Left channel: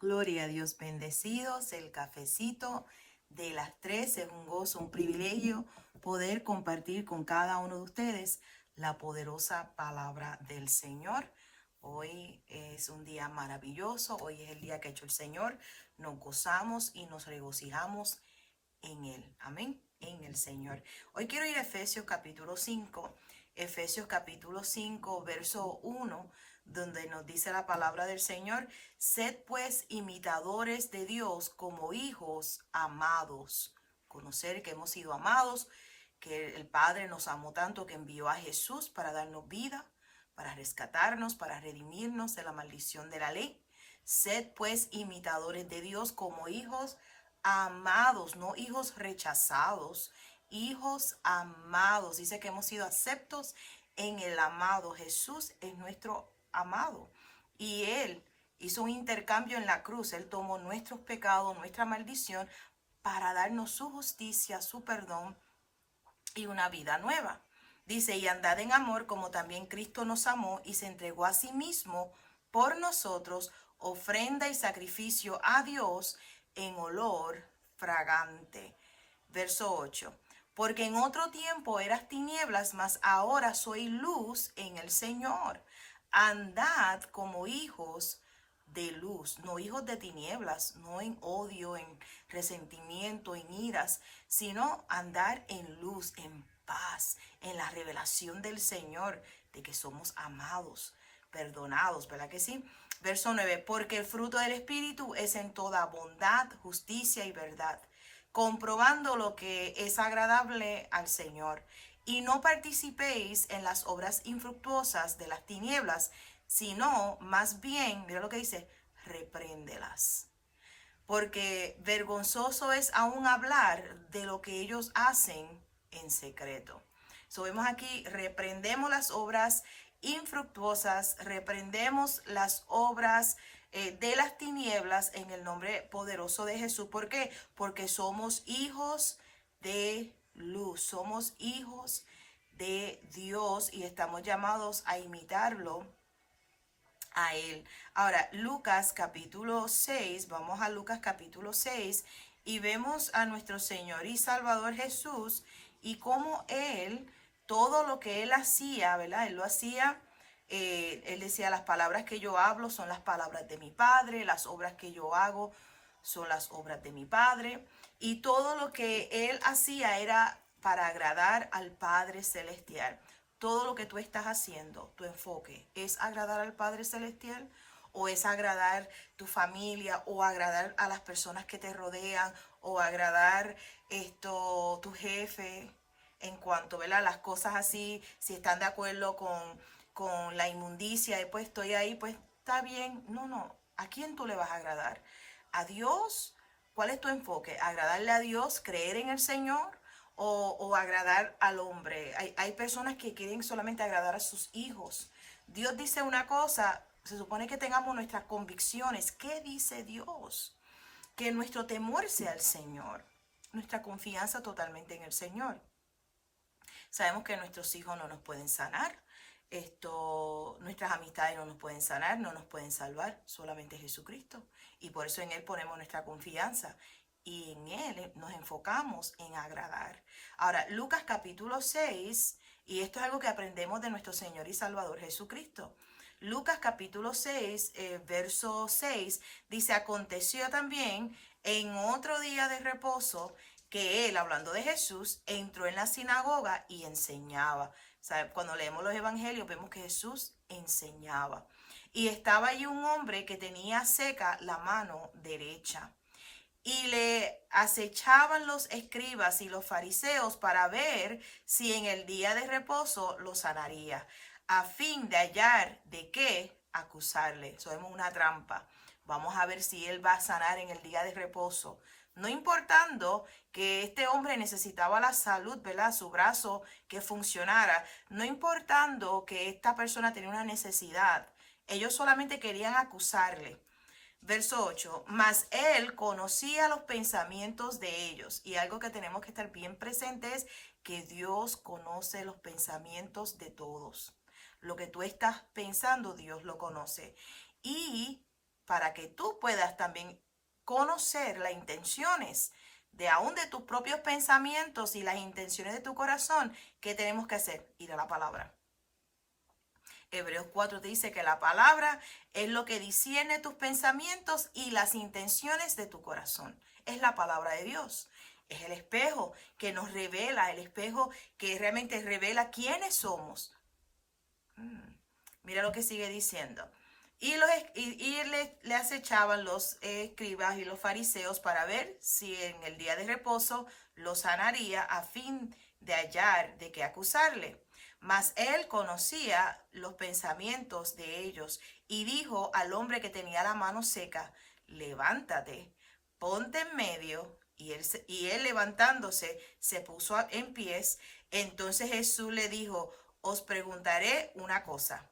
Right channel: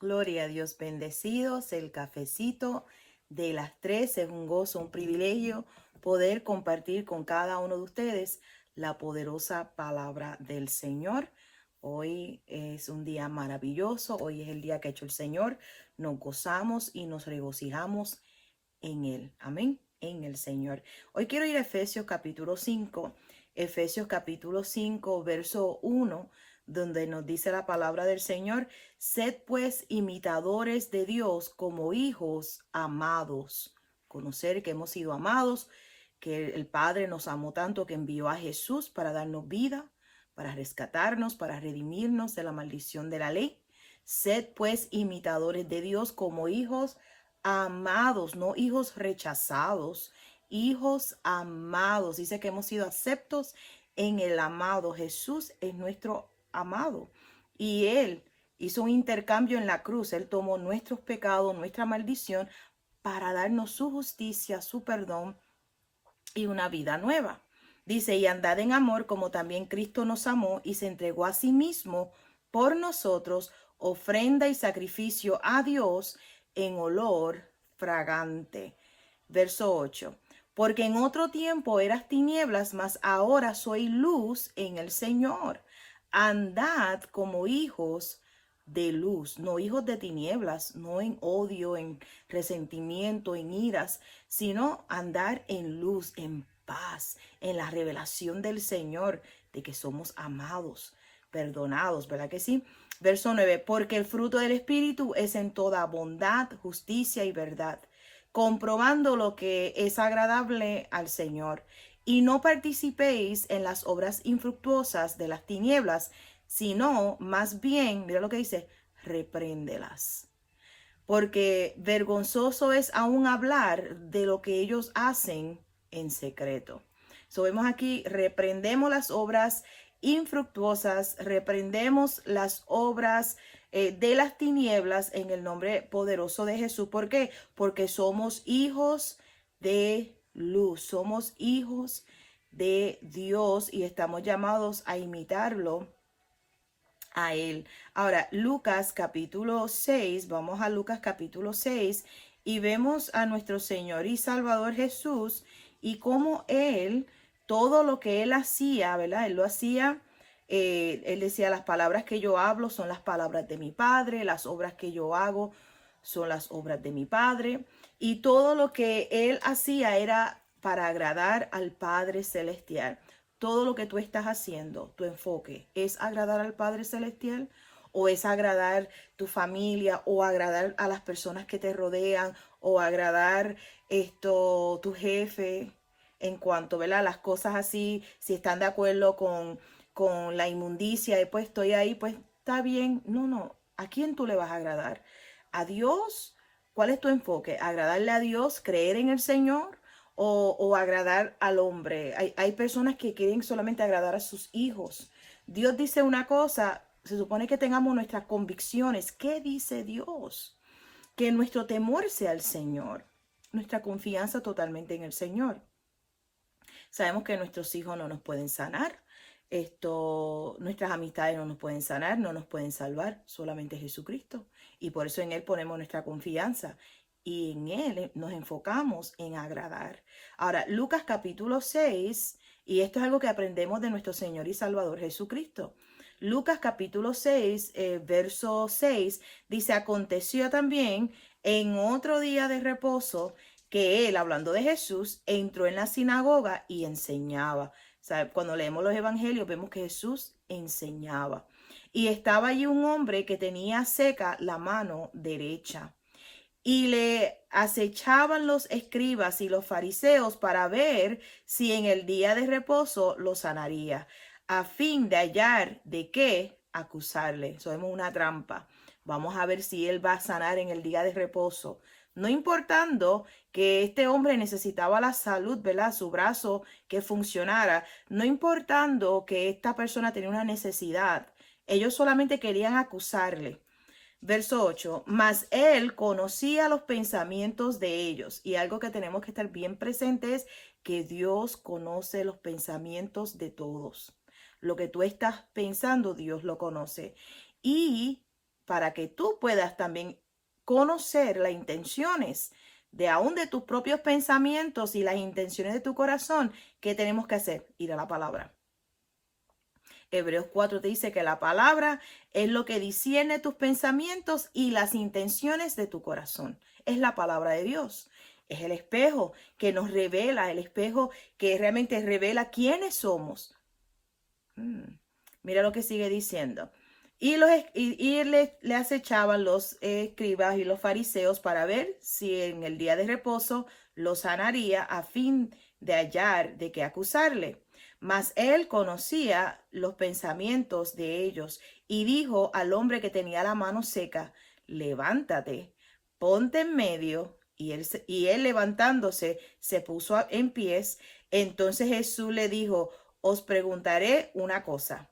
Gloria a Dios, bendecidos. El cafecito de las 3 es un gozo, un privilegio poder compartir con cada uno de ustedes la poderosa palabra del Señor. Hoy es un día maravilloso, hoy es el día que ha hecho el Señor. Nos gozamos y nos regocijamos en Él. Amén. En el Señor. Hoy quiero ir a Efesios capítulo 5. Efesios capítulo 5, verso 1, donde nos dice la palabra del Señor: sed pues imitadores de Dios como hijos amados. Conocer que hemos sido amados, que el Padre nos amó tanto que envió a Jesús para darnos vida, para rescatarnos, para redimirnos de la maldición de la ley. Sed pues imitadores de Dios como hijos amados, no hijos rechazados, hijos amados. Dice que hemos sido aceptos en el amado. Jesús es nuestro amado y Él hizo un intercambio en la cruz. Él tomó nuestros pecados, nuestra maldición, para darnos su justicia, su perdón y una vida nueva. Dice: y andad en amor como también Cristo nos amó y se entregó a sí mismo por nosotros, ofrenda y sacrificio a Dios en olor fragante. Verso 8. Porque en otro tiempo eras tinieblas, mas ahora soy luz en el Señor. Andad como hijos de luz, no hijos de tinieblas, no en odio, en resentimiento, en iras, sino andar en luz, en paz, en la revelación del Señor, de que somos amados, perdonados, ¿verdad que sí? Verso 9, porque el fruto del Espíritu es en toda bondad, justicia y verdad, comprobando lo que es agradable al Señor. Y no participéis en las obras infructuosas de las tinieblas, sino más bien, mira lo que dice, repréndelas. Porque vergonzoso es aún hablar de lo que ellos hacen en secreto. So, vemos aquí: reprendemos las obras infructuosas, reprendemos las obras de las tinieblas en el nombre poderoso de Jesús. ¿Por qué? Porque somos hijos de luz, somos hijos de Dios y estamos llamados a imitarlo a Él. Ahora, Lucas capítulo 6, vamos a Lucas capítulo 6 y vemos a nuestro Señor y Salvador Jesús y cómo Él, todo lo que Él hacía, ¿verdad? Él lo hacía. Él decía: las palabras que yo hablo son las palabras de mi Padre, las obras que yo hago son las obras de mi Padre. Y todo lo que Él hacía era para agradar al Padre Celestial. Todo lo que tú estás haciendo, tu enfoque, ¿es agradar al Padre Celestial? ¿O es agradar tu familia? ¿O agradar a las personas que te rodean? ¿O agradar tu jefe? En cuanto, ¿verdad? Las cosas así, si están de acuerdo con la inmundicia, después estoy ahí, pues está bien. No, no. ¿A quién tú le vas a agradar? ¿A Dios? ¿Cuál es tu enfoque? ¿Agradarle a Dios? ¿Creer en el Señor? O agradar al hombre? Hay personas que quieren solamente agradar a sus hijos. Dios dice una cosa, se supone que tengamos nuestras convicciones. ¿Qué dice Dios? Que nuestro temor sea el Señor, nuestra confianza totalmente en el Señor. Sabemos que nuestros hijos no nos pueden sanar. Nuestras amistades no nos pueden sanar, no nos pueden salvar, solamente Jesucristo. Y por eso en Él ponemos nuestra confianza y en Él nos enfocamos en agradar. Ahora, Lucas capítulo 6, y esto es algo que aprendemos de nuestro Señor y Salvador Jesucristo. Lucas capítulo 6, verso 6, dice: aconteció también en otro día de reposo que Él, hablando de Jesús, entró en la sinagoga y enseñaba. O sea, cuando leemos los evangelios vemos que Jesús enseñaba. Y estaba allí un hombre que tenía seca la mano derecha. Y le acechaban los escribas y los fariseos para ver si en el día de reposo lo sanaría, a fin de hallar de qué acusarle. Eso es una trampa. Vamos a ver si él va a sanar en el día de reposo. No importando que este hombre necesitaba la salud, ¿verdad? Su brazo que funcionara. No importando que esta persona tenía una necesidad. Ellos solamente querían acusarle. Verso 8, mas él conocía los pensamientos de ellos. Y algo que tenemos que estar bien presente es que Dios conoce los pensamientos de todos. Lo que tú estás pensando, Dios lo conoce. Y para que tú puedas también conocer las intenciones de aún de tus propios pensamientos y las intenciones de tu corazón. ¿Qué tenemos que hacer? Ir a la palabra. Hebreos 4 te dice que la palabra es lo que discierne tus pensamientos y las intenciones de tu corazón. Es la palabra de Dios. Es el espejo que nos revela, el espejo que realmente revela quiénes somos. Mira lo que sigue diciendo. Le acechaban los escribas y los fariseos para ver si en el día de reposo los sanaría a fin de hallar de qué acusarle. Mas él conocía los pensamientos de ellos y dijo al hombre que tenía la mano seca, levántate, ponte en medio. Y él levantándose se puso en pies. Entonces Jesús le dijo, os preguntaré una cosa.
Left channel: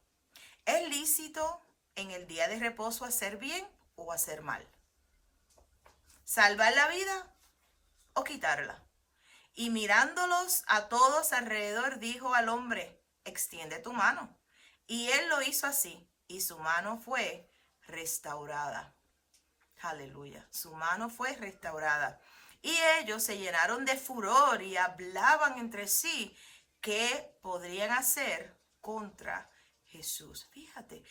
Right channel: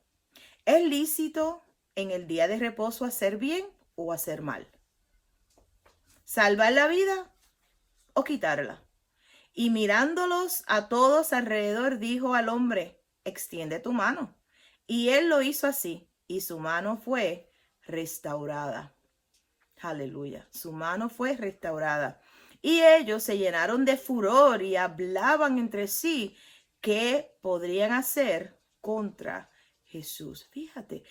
¿Es lícito en el día de reposo hacer bien o hacer mal? ¿Salvar la vida o quitarla? Y mirándolos a todos alrededor, dijo al hombre, extiende tu mano. Y él lo hizo así, y su mano fue restaurada. Aleluya, su mano fue restaurada. Y ellos se llenaron de furor y hablaban entre sí qué podrían hacer contra Jesús. Fíjate,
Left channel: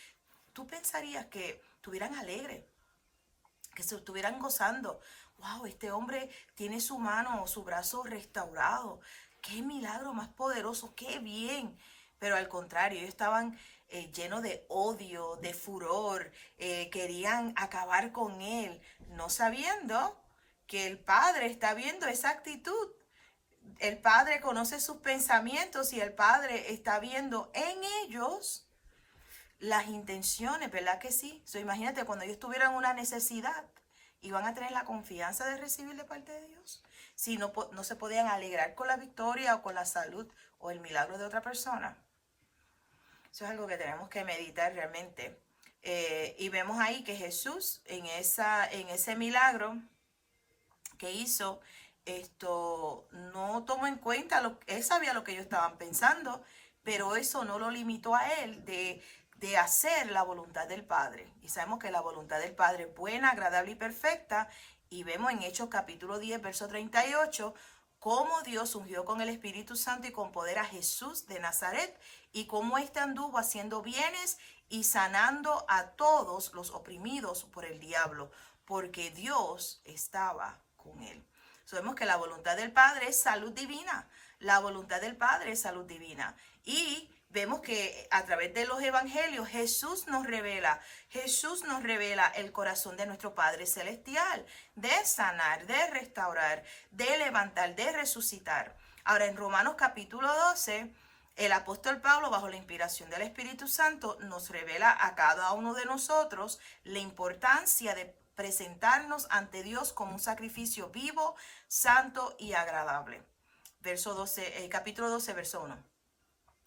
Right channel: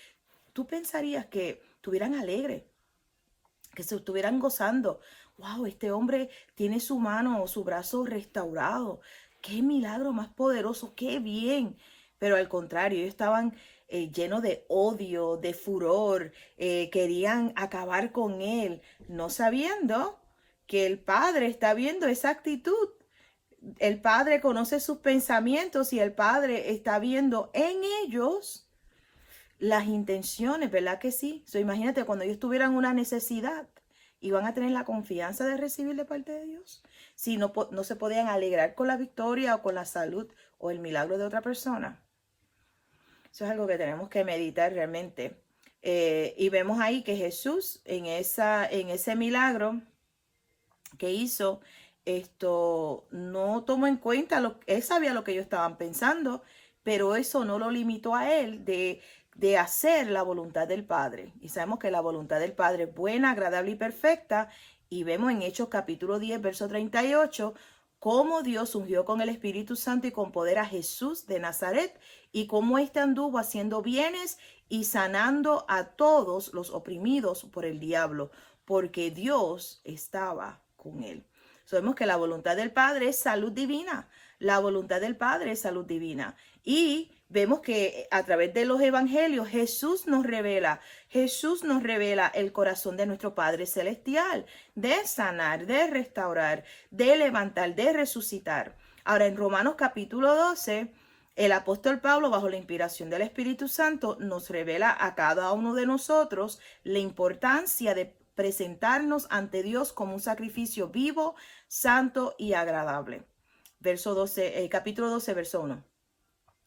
tú pensarías que estuvieran alegres, que se estuvieran gozando. Wow, este hombre tiene su mano o su brazo restaurado. Qué milagro más poderoso, qué bien. Pero al contrario, ellos estaban llenos de odio, de furor, querían acabar con él, no sabiendo que el Padre está viendo esa actitud. El Padre conoce sus pensamientos y el Padre está viendo en ellos las intenciones, ¿verdad que sí? Imagínate cuando ellos tuvieran una necesidad, iban a tener la confianza de recibir de parte de Dios. Si no, no se podían alegrar con la victoria o con la salud o el milagro de otra persona. Eso es algo que tenemos que meditar realmente. Y vemos ahí que Jesús en ese milagro que hizo, no tomó en cuenta, él sabía lo que ellos estaban pensando, pero eso no lo limitó a él de hacer la voluntad del Padre. Y sabemos que la voluntad del Padre es buena, agradable y perfecta. Y vemos en Hechos capítulo 10, verso 38, cómo Dios ungió con el Espíritu Santo y con poder a Jesús de Nazaret y cómo éste anduvo haciendo bienes y sanando a todos los oprimidos por el diablo, porque Dios estaba con él. Sabemos que la voluntad del Padre es salud divina. La voluntad del Padre es salud divina. Y vemos que a través de los evangelios Jesús nos revela el corazón de nuestro Padre Celestial, de sanar, de restaurar, de levantar, de resucitar. Ahora en Romanos capítulo 12, el apóstol Pablo, bajo la inspiración del Espíritu Santo, nos revela a cada uno de nosotros la importancia de presentarnos ante Dios como un sacrificio vivo, santo y agradable. Capítulo 12, verso 1.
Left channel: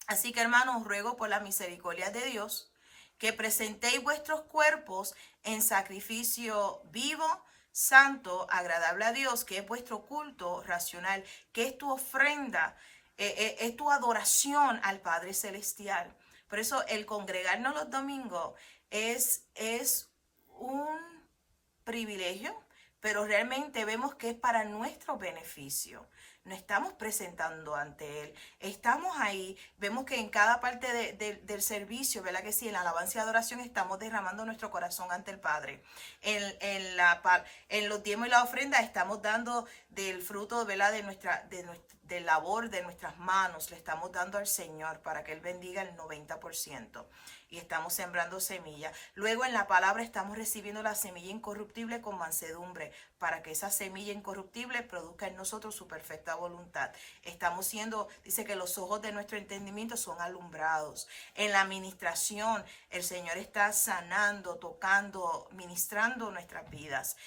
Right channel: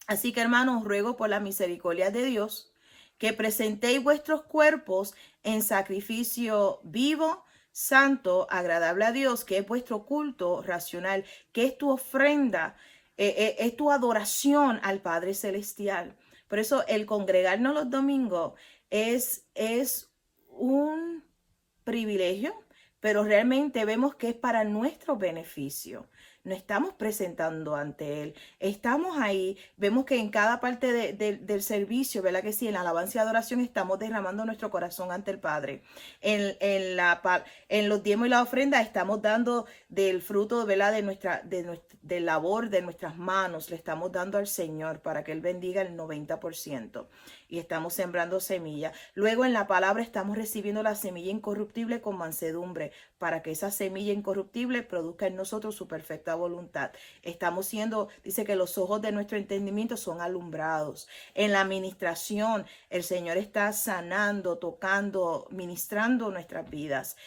Así que, hermanos, ruego por la misericordia de Dios que presentéis vuestros cuerpos en sacrificio vivo, santo, agradable a Dios, que es vuestro culto racional, que es tu ofrenda, es tu adoración al Padre Celestial. Por eso el congregarnos los domingos es un privilegio, pero realmente vemos que es para nuestro beneficio. No estamos presentando ante Él. Estamos ahí, vemos que en cada parte del servicio, ¿verdad que sí? En la alabanza y adoración estamos derramando nuestro corazón ante el Padre. En los diezmos y la ofrenda estamos dando del fruto, ¿verdad? Del labor de nuestras manos. Le estamos dando al Señor para que Él bendiga el 90%. Y estamos sembrando semilla. Luego en la palabra estamos recibiendo la semilla incorruptible con mansedumbre para que esa semilla incorruptible produzca en nosotros su perfecta voluntad. Dice que los ojos de nuestro entendimiento son alumbrados. En la administración el Señor está sanando, tocando, ministrando nuestras vidas.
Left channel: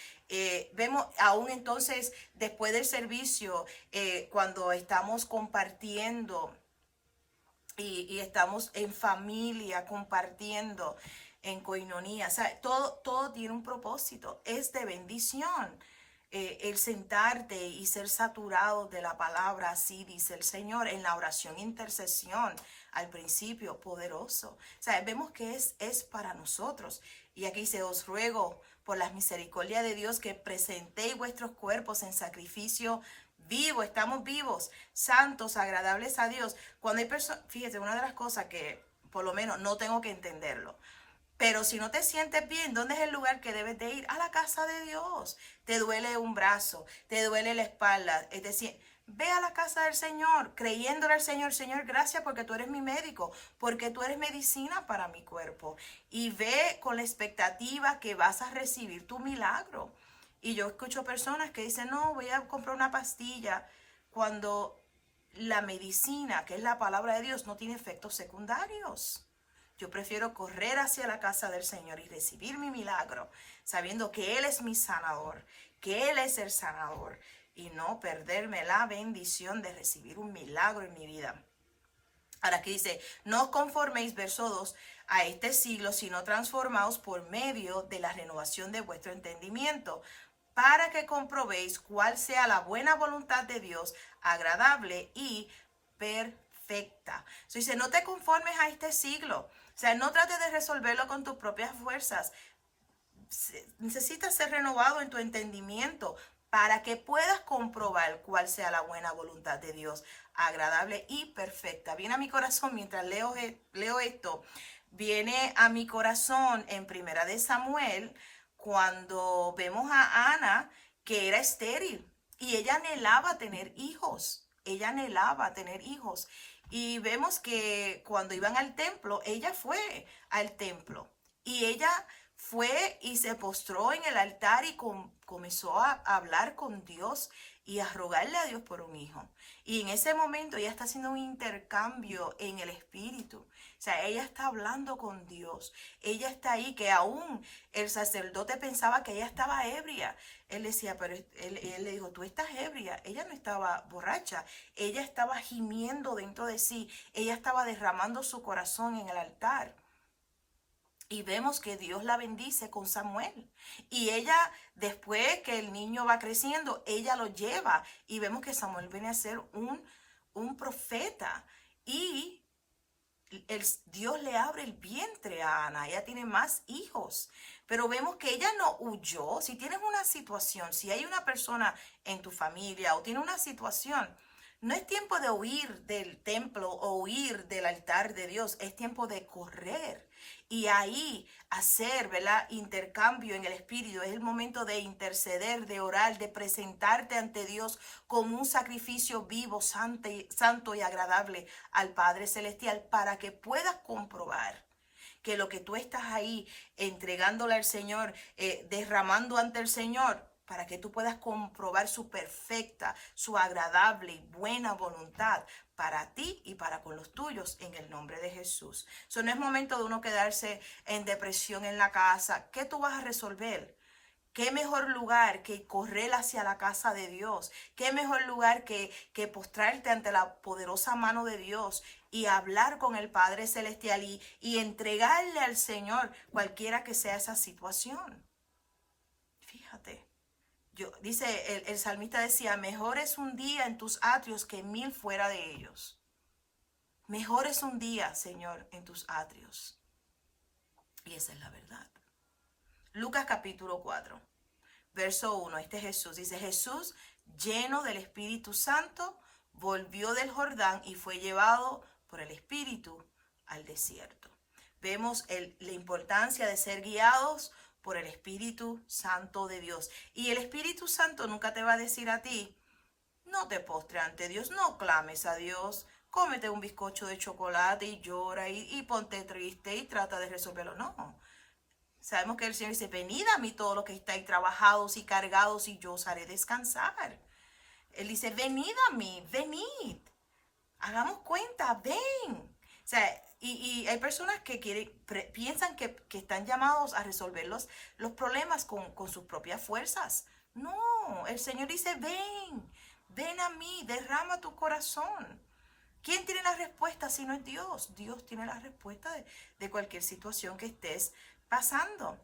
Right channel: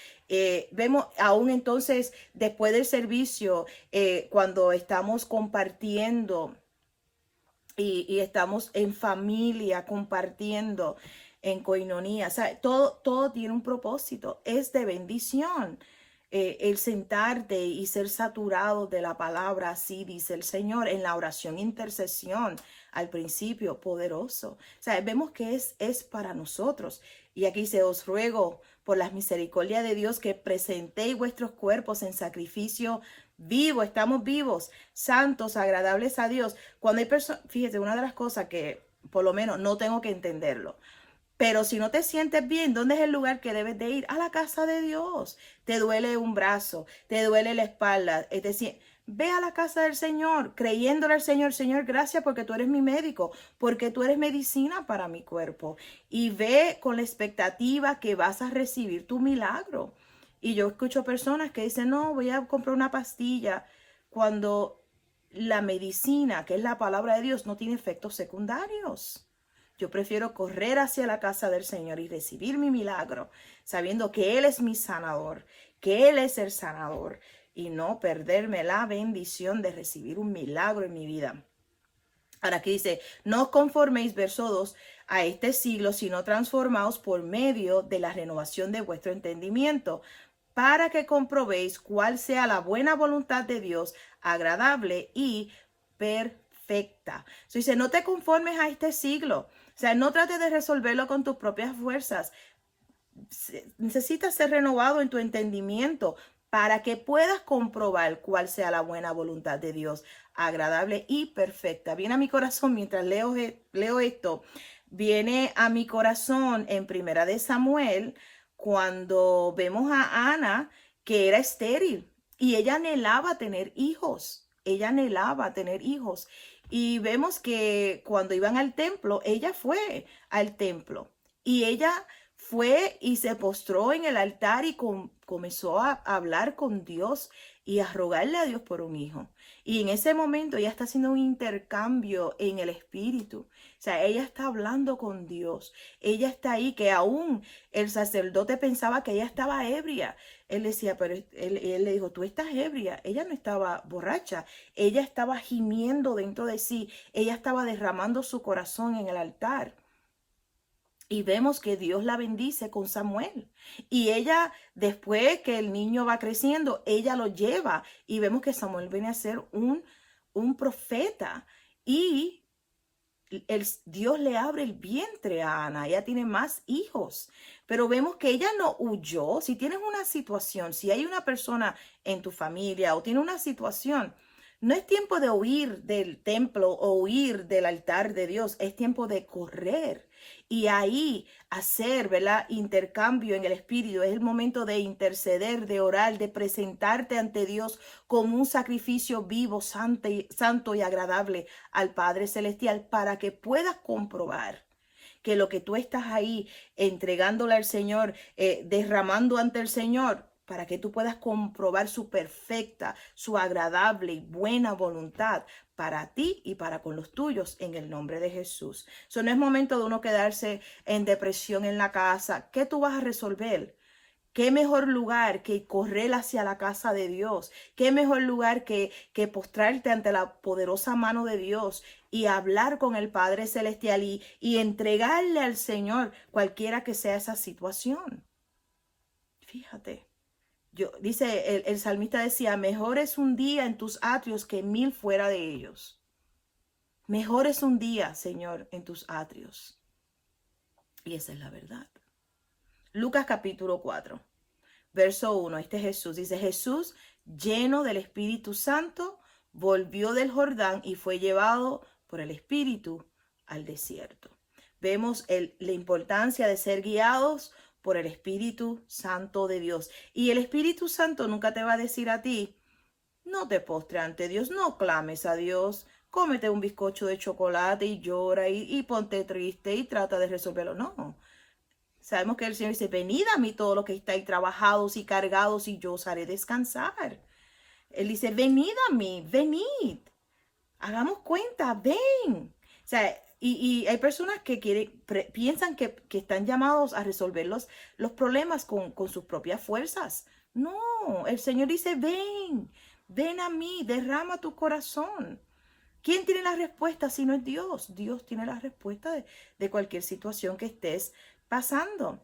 Vemos aún entonces después del servicio, cuando estamos compartiendo y estamos en familia compartiendo en coinonía. O sea, todo tiene un propósito, es de bendición. El sentarte y ser saturado de la palabra, así dice el Señor, en la oración intercesión al principio, poderoso. O sea, vemos que es para nosotros. Y aquí dice, os ruego por las misericordias de Dios que presentéis vuestros cuerpos en sacrificio vivo, estamos vivos, santos, agradables a Dios. Cuando hay personas, fíjate, una de las cosas que por lo menos no tengo que entenderlo. Pero si no te sientes bien, ¿dónde es el lugar que debes de ir? A la casa de Dios. Te duele un brazo, te duele la espalda. Es decir, ve a la casa del Señor, creyéndole al Señor. Señor, gracias porque tú eres mi médico, porque tú eres medicina para mi cuerpo. Y ve con la expectativa que vas a recibir tu milagro. Y yo escucho personas que dicen, no, voy a comprar una pastilla cuando la medicina, que es la palabra de Dios, no tiene efectos secundarios. Yo prefiero correr hacia la casa del Señor y recibir mi milagro, sabiendo que Él es mi sanador, que Él es el sanador, y no perderme la bendición de recibir un milagro en mi vida. Ahora aquí dice, no os conforméis, verso 2, a este siglo, sino transformaos por medio de la renovación de vuestro entendimiento, para que comprobéis cuál sea la buena voluntad de Dios, agradable y perfecta. Dice, no te conformes a este siglo. O sea, no trates de resolverlo con tus propias fuerzas. Necesitas ser renovado en tu entendimiento para que puedas comprobar cuál sea la buena voluntad de Dios, agradable y perfecta. Viene a mi corazón mientras leo esto, viene a mi corazón en Primera de Samuel, cuando vemos a Ana, que era estéril y ella anhelaba tener hijos. Ella anhelaba tener hijos. Y vemos que cuando iban al templo, ella fue al templo y ella fue y se postró en el altar y comenzó a hablar con Dios y a rogarle a Dios por un hijo. Y en ese momento ella está haciendo un intercambio en el espíritu. O sea, ella está hablando con Dios. Ella está ahí, que aún el sacerdote pensaba que ella estaba ebria. Él decía, pero él le dijo, tú estás ebria. Ella no estaba borracha. Ella estaba gimiendo dentro de sí. Ella estaba derramando su corazón en el altar. Y vemos que Dios la bendice con Samuel. Y ella, después que el niño va creciendo, ella lo lleva. Y vemos que Samuel viene a ser un profeta. Y Dios le abre el vientre a Ana. Ella tiene más hijos. Pero vemos que ella no huyó. Si tienes una situación, si hay una persona en tu familia o tiene una situación, no es tiempo de huir del templo o huir del altar de Dios. Es tiempo de correr y ahí hacer, ¿verdad? Intercambio en el espíritu. Es el momento de interceder, de orar, de presentarte ante Dios como un sacrificio vivo, santo y agradable al Padre Celestial, para que puedas comprobar que lo que tú estás ahí entregándole al Señor, derramando ante el Señor, para que tú puedas comprobar su perfecta, su agradable y buena voluntad para ti y para con los tuyos, en el nombre de Jesús. Eso no es momento de uno quedarse en depresión en la casa. ¿Qué tú vas a resolver? ¿Qué mejor lugar que correr hacia la casa de Dios? ¿Qué mejor lugar que postrarte ante la poderosa mano de Dios y hablar con el Padre Celestial y entregarle al Señor cualquiera que sea esa situación? Fíjate. Dice, el salmista decía, mejor es un día en tus atrios que 1000 fuera de ellos. Mejor es un día, Señor, en tus atrios. Y esa es la verdad. Lucas capítulo 4, verso 1. Este es Jesús. Dice, Jesús, lleno del Espíritu Santo, volvió del Jordán y fue llevado por el Espíritu al desierto. Vemos la importancia de ser guiados por el Espíritu Santo de Dios. Y el Espíritu Santo nunca te va a decir a ti, no te postres ante Dios, no clames a Dios, cómete un bizcocho de chocolate y llora y ponte triste y trata de resolverlo. No. Sabemos que el Señor dice, venid a mí todos los que estáis trabajados y cargados y yo os haré descansar. Él dice, venid a mí, venid. Hagamos cuenta, ven. O sea, y hay personas que piensan que están llamados a resolver los problemas con sus propias fuerzas. No, el Señor dice, ven a mí, derrama tu corazón. ¿Quién tiene la respuesta si no es Dios? Dios tiene la respuesta de cualquier situación que estés pasando.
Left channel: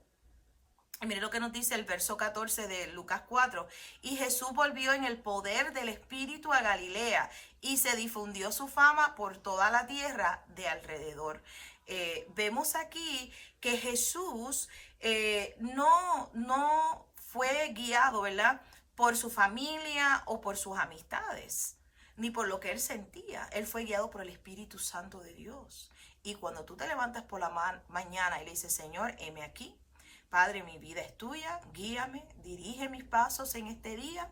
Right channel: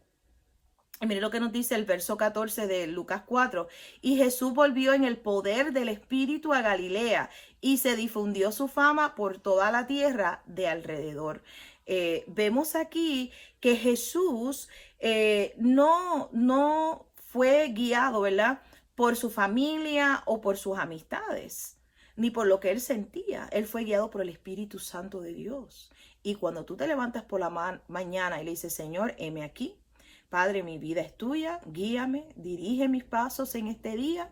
Y mire lo que nos dice el verso 14 de Lucas 4. Y Jesús volvió en el poder del Espíritu a Galilea y se difundió su fama por toda la tierra de alrededor. Vemos aquí que Jesús no fue guiado, ¿verdad? Por su familia o por sus amistades, ni por lo que él sentía. Él fue guiado por el Espíritu Santo de Dios. Y cuando tú te levantas por la mañana y le dices, Señor, heme aquí, Padre, mi vida es tuya, guíame, dirige mis pasos en este día,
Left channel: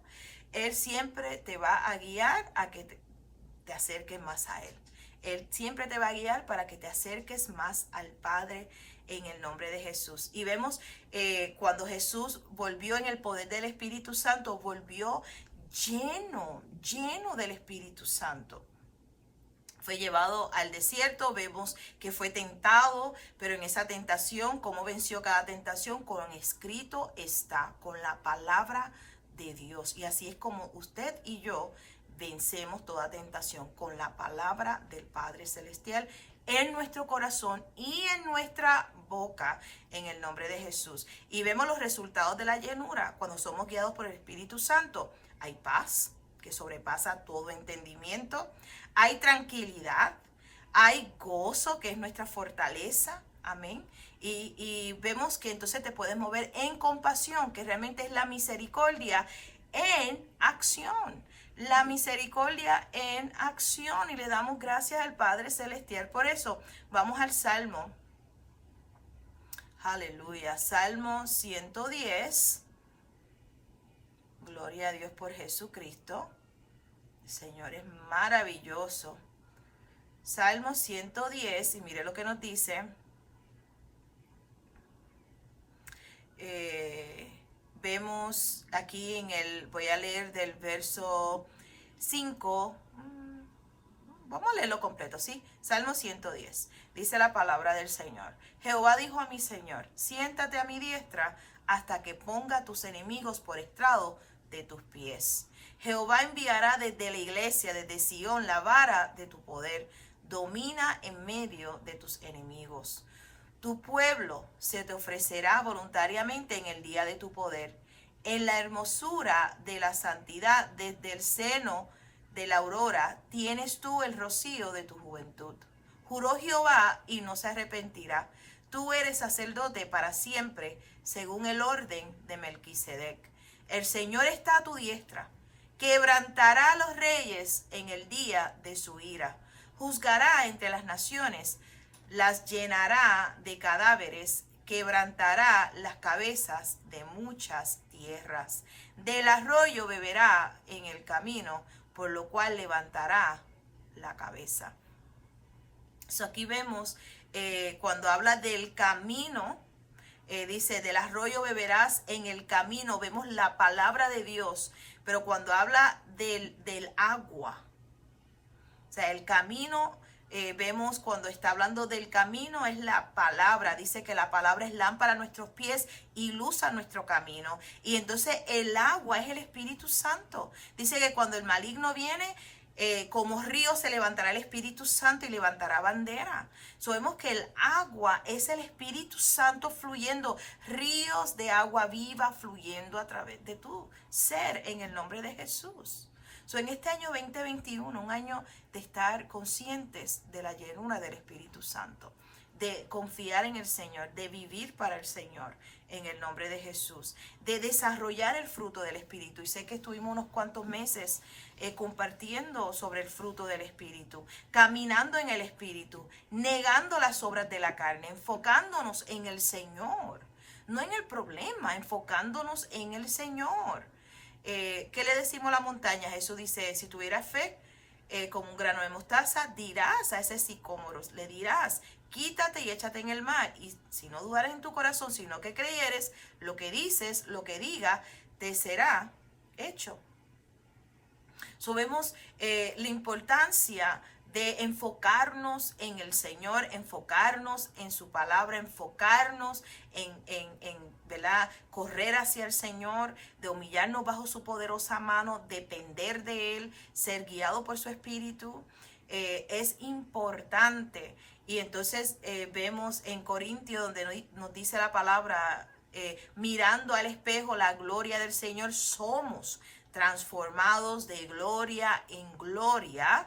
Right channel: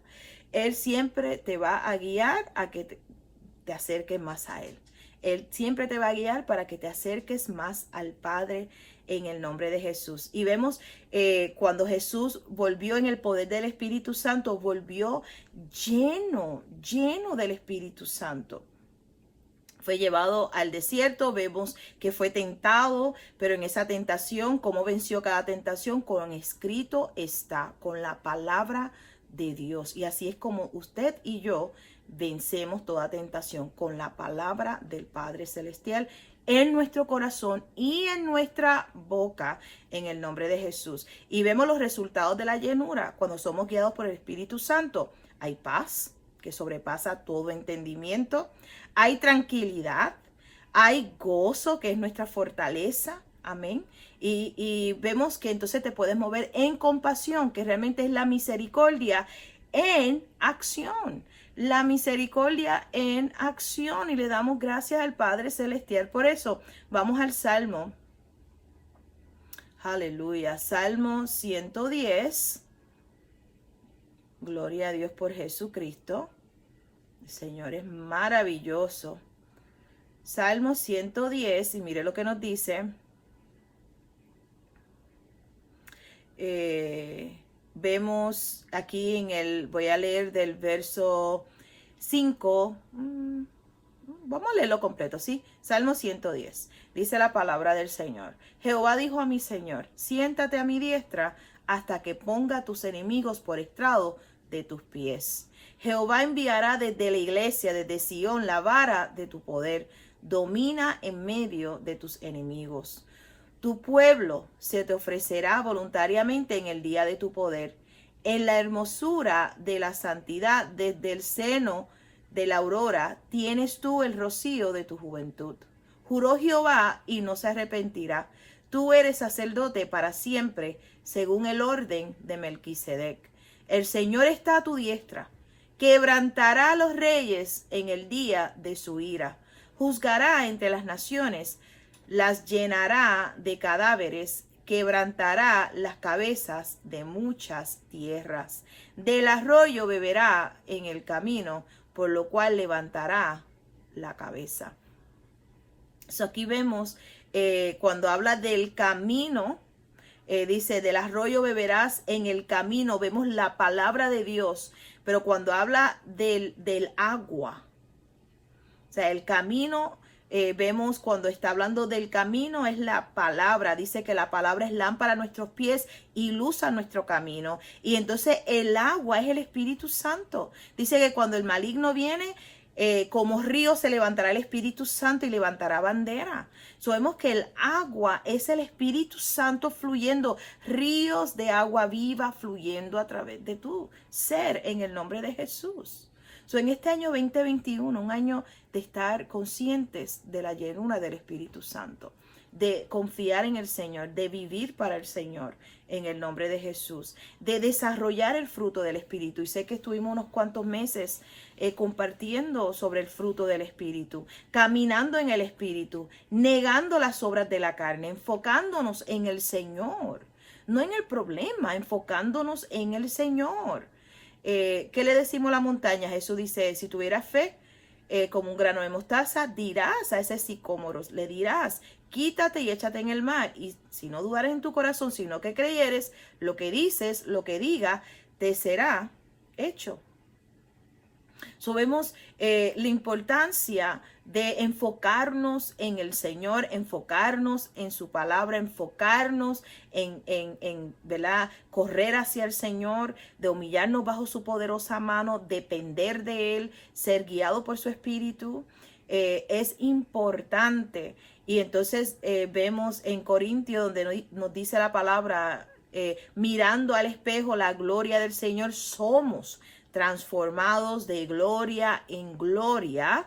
Él siempre te va a guiar a que te acerques más a Él. Él siempre te va a guiar para que te acerques más al Padre en el nombre de Jesús. Y vemos cuando Jesús volvió en el poder del Espíritu Santo, volvió lleno del Espíritu Santo. Fue llevado al desierto, vemos que fue tentado, pero en esa tentación, ¿cómo venció cada tentación? Con escrito está, con la palabra de Dios. Y así es como usted y yo vencemos toda tentación, con la palabra del Padre Celestial en nuestro corazón y en nuestra boca, en el nombre de Jesús. Y vemos los resultados de la llenura cuando somos guiados por el Espíritu Santo. Hay paz que sobrepasa todo entendimiento. Hay tranquilidad, hay gozo, que es nuestra fortaleza, amén. Y vemos que entonces te puedes mover en compasión, que realmente es la misericordia en acción. La misericordia en acción, y le damos gracias al Padre Celestial por eso. Vamos al Salmo. Aleluya. Salmo 110. Gloria a Dios por Jesucristo. El Señor es maravilloso. Salmo 110, y mire lo que nos dice. Vemos aquí voy a leer del verso 5. Vamos a leerlo completo, ¿sí? Salmo 110. Dice la palabra del Señor. Jehová dijo a mi Señor, siéntate a mi diestra hasta que ponga a tus enemigos por estrado de tus pies. Jehová enviará desde la iglesia, desde Sión, la vara de tu poder. Domina en medio de tus enemigos. Tu pueblo se te ofrecerá voluntariamente en el día de tu poder. En la hermosura de la santidad, desde el seno de la aurora, tienes tú el rocío de tu juventud. Juró Jehová y no se arrepentirá. Tú eres sacerdote para siempre, según el orden de Melquisedec. El Señor está a tu diestra. Quebrantará a los reyes en el día de su ira. Juzgará entre las naciones, las llenará de cadáveres, quebrantará las cabezas de muchas tierras. Del arroyo beberá en el camino, por lo cual levantará la cabeza. Aquí vemos cuando habla del camino, dice, del arroyo beberás en el camino, vemos la palabra de Dios, pero cuando habla del agua, o sea, el camino, vemos cuando está hablando del camino es la palabra. Dice que la palabra es lámpara a nuestros pies y luz a nuestro camino. Y entonces el agua es el Espíritu Santo. Dice que cuando el maligno viene, como río se levantará el Espíritu Santo y levantará bandera. Sabemos que el agua es el Espíritu Santo fluyendo, ríos de agua viva fluyendo a través de tu ser en el nombre de Jesús. En este año 2021, un año de estar conscientes de la llenura del Espíritu Santo, de confiar en el Señor, de vivir para el Señor en el nombre de Jesús, de desarrollar el fruto del Espíritu. Y sé que estuvimos unos cuantos meses compartiendo sobre el fruto del Espíritu, caminando en el Espíritu, negando las obras de la carne, enfocándonos en el Señor, no en el problema, enfocándonos en el Señor. ¿Qué le decimos a la montaña? Jesús dice, si tuvieras fe como un grano de mostaza, dirás a ese sicómoro, le dirás, quítate y échate en el mar. Y si no dudares en tu corazón, sino que creyeres, lo que dices, lo que diga, te será hecho. Vemos la importancia de enfocarnos en el Señor, enfocarnos en su palabra, enfocarnos en ¿verdad? Correr hacia el Señor, de humillarnos bajo su poderosa mano, depender de Él, ser guiado por su Espíritu. Es importante. Y entonces vemos en Corintios, donde nos dice la palabra, mirando al espejo la gloria del Señor, somos transformados de gloria en gloria,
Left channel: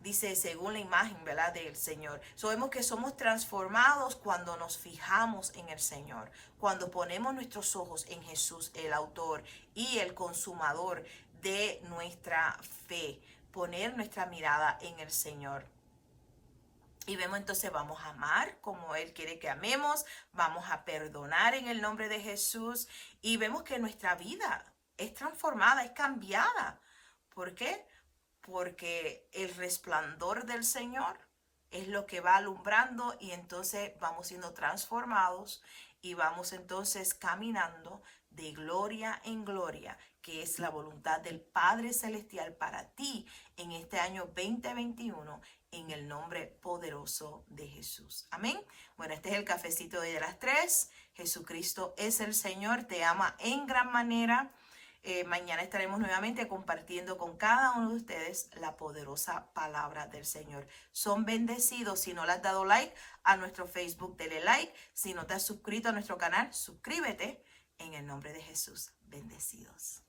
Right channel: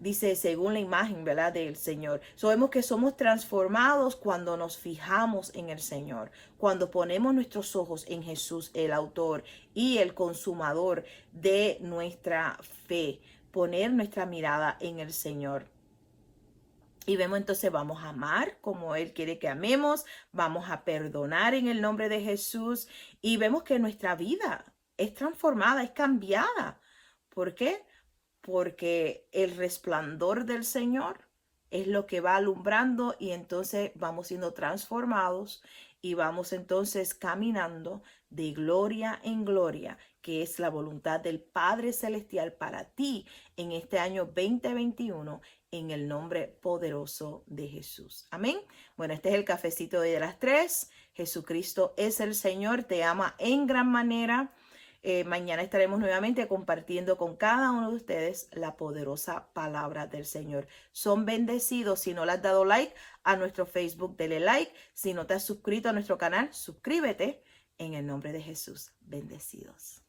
dice, según la imagen, ¿verdad?, del Señor. Sabemos que somos transformados cuando nos fijamos en el Señor, cuando ponemos nuestros ojos en Jesús, el autor y el consumador de nuestra fe, poner nuestra mirada en el Señor. Y vemos entonces, vamos a amar como Él quiere que amemos, vamos a perdonar en el nombre de Jesús y vemos que nuestra vida es transformada, es cambiada. ¿Por qué? Porque el resplandor del Señor es lo que va alumbrando y entonces vamos siendo transformados y vamos entonces caminando de gloria en gloria, que es la voluntad del Padre Celestial para ti en este año 2021, en el nombre poderoso de Jesús. Amén. Bueno, este es el cafecito de las 3. Jesucristo es el Señor, te ama en gran manera. Mañana estaremos nuevamente compartiendo con cada uno de ustedes la poderosa palabra del Señor. Son bendecidos. Si no le has dado like a nuestro Facebook, dele like. Si no te has suscrito a nuestro canal, suscríbete en el nombre de Jesús. Bendecidos.